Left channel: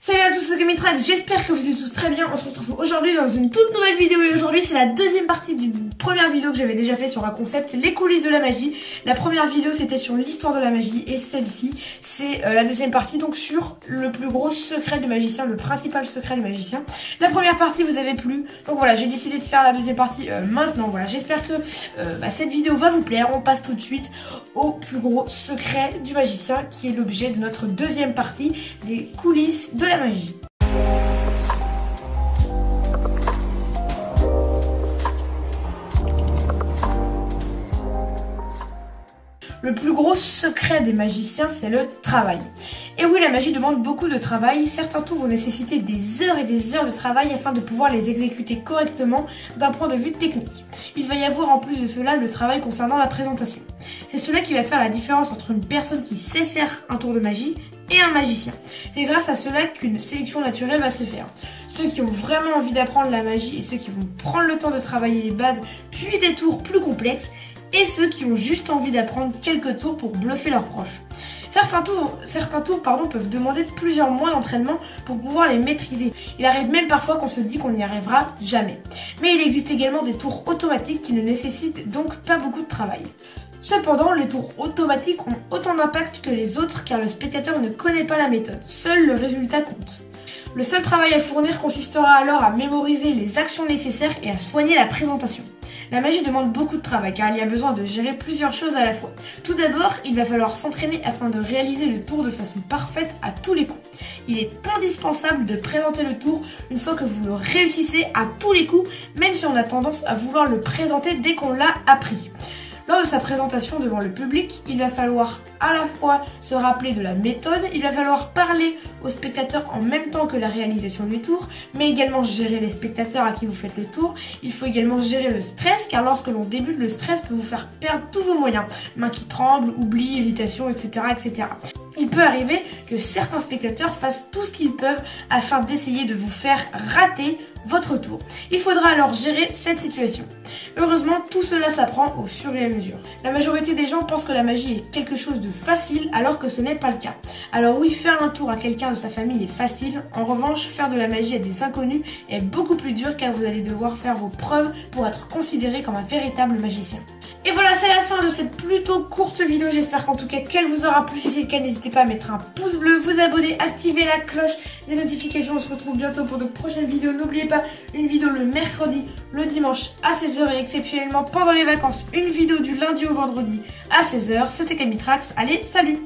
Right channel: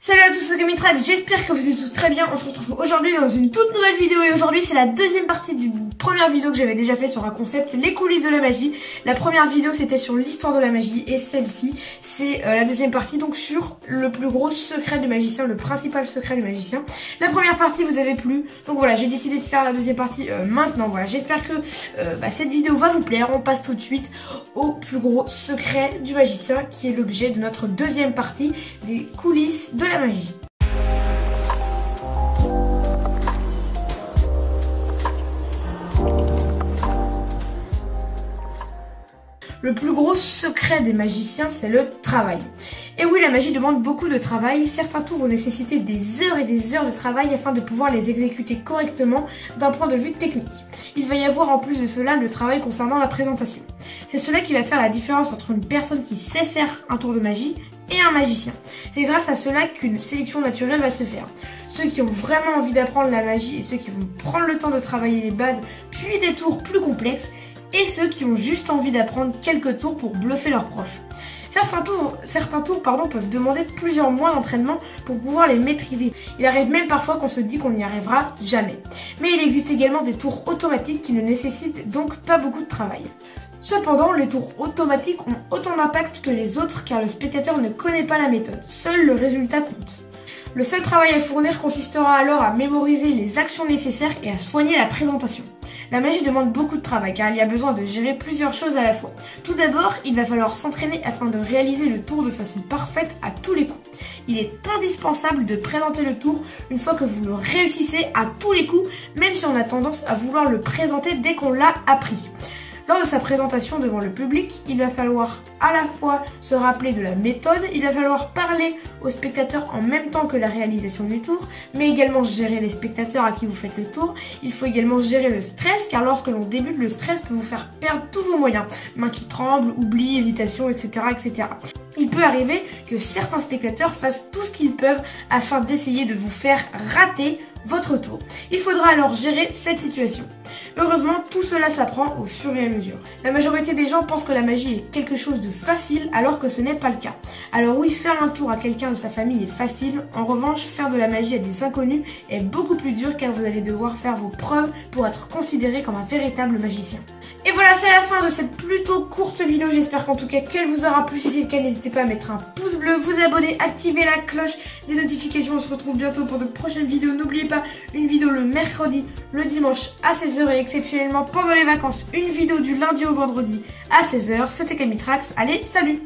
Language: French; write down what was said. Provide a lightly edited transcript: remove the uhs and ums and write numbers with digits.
Salut à tous, c'est Mitrax, j'espère que vous allez tous très bien. On se retrouve aujourd'hui dans une toute nouvelle vidéo et aujourd'hui c'est la deuxième partie d'une première vidéo que j'avais déjà fait sur un concept, les coulisses de la magie. La première vidéo c'était sur l'histoire de la magie et celle-ci c'est la deuxième partie donc sur le plus gros secret du magicien, le principal secret du magicien. La première partie vous avez plu, donc voilà j'ai décidé de faire la deuxième partie maintenant. Voilà, j'espère que cette vidéo va vous plaire. On passe tout de suite au plus gros secret du magicien qui est l'objet de notre deuxième partie des coulisses de la magie. Le plus gros secret des magiciens, c'est le travail. Et oui, la magie demande beaucoup de travail. Certains tours vont nécessiter des heures et des heures de travail afin de pouvoir les exécuter correctement d'un point de vue technique. Il va y avoir en plus de cela le travail concernant la présentation. C'est cela qui va faire la différence entre une personne qui sait faire un tour de magie et un magicien. C'est grâce à cela qu'une sélection naturelle va se faire. Ceux qui ont vraiment envie d'apprendre la magie et ceux qui vont prendre le temps de travailler les bases puis des tours plus complexes et ceux qui ont juste envie d'apprendre quelques tours pour bluffer leurs proches. Certains tours peuvent demander plusieurs mois d'entraînement pour pouvoir les maîtriser. Il arrive même parfois qu'on se dit qu'on n'y arrivera jamais. Mais il existe également des tours automatiques qui ne nécessitent donc pas beaucoup de travail. Cependant, les tours automatiques ont autant d'impact que les autres car le spectateur ne connaît pas la méthode. Seul le résultat compte. Le seul travail à fournir consistera alors à mémoriser les actions nécessaires et à soigner la présentation. La magie demande beaucoup de travail car il y a besoin de gérer plusieurs choses à la fois. Tout d'abord, il va falloir s'entraîner afin de réaliser le tour de façon parfaite à tous les coups. Il est indispensable de présenter le tour une fois que vous le réussissez à tous les coups, même si on a tendance à vouloir le présenter dès qu'on l'a appris. Lors de sa présentation devant le public, il va falloir à la fois se rappeler de la méthode, il va falloir parler aux spectateurs en même temps que la réalisation du tour, mais également gérer les spectateurs à qui vous faites le tour. Il faut également gérer le stress, car lorsque l'on débute, le stress peut vous faire perdre tous vos moyens. Mains qui tremblent, oubli, hésitation, etc., etc. Il peut arriver que certains spectateurs fassent tout ce qu'ils peuvent afin d'essayer de vous faire rater votre tour. Il faudra alors gérer cette situation. Heureusement, tout cela s'apprend au fur et à mesure. La majorité des gens pensent que la magie est quelque chose de facile alors que ce n'est pas le cas. Alors oui, faire un tour à quelqu'un de sa famille est facile. En revanche, faire de la magie à des inconnus est beaucoup plus dur car vous allez devoir faire vos preuves pour être considéré comme un véritable magicien. Et voilà, c'est la fin de cette plutôt courte vidéo. J'espère qu'en tout cas qu'elle vous aura plu. Si c'est le cas, n'hésitez pas à mettre un pouce bleu, vous abonner, activer la cloche des notifications. On se retrouve bientôt pour de prochaines vidéos. N'oubliez pas, une vidéo le mercredi, le dimanche à 16 h et exceptionnellement pendant les vacances, une vidéo du lundi au vendredi à 16 h. C'était Mitrax. Allez, salut!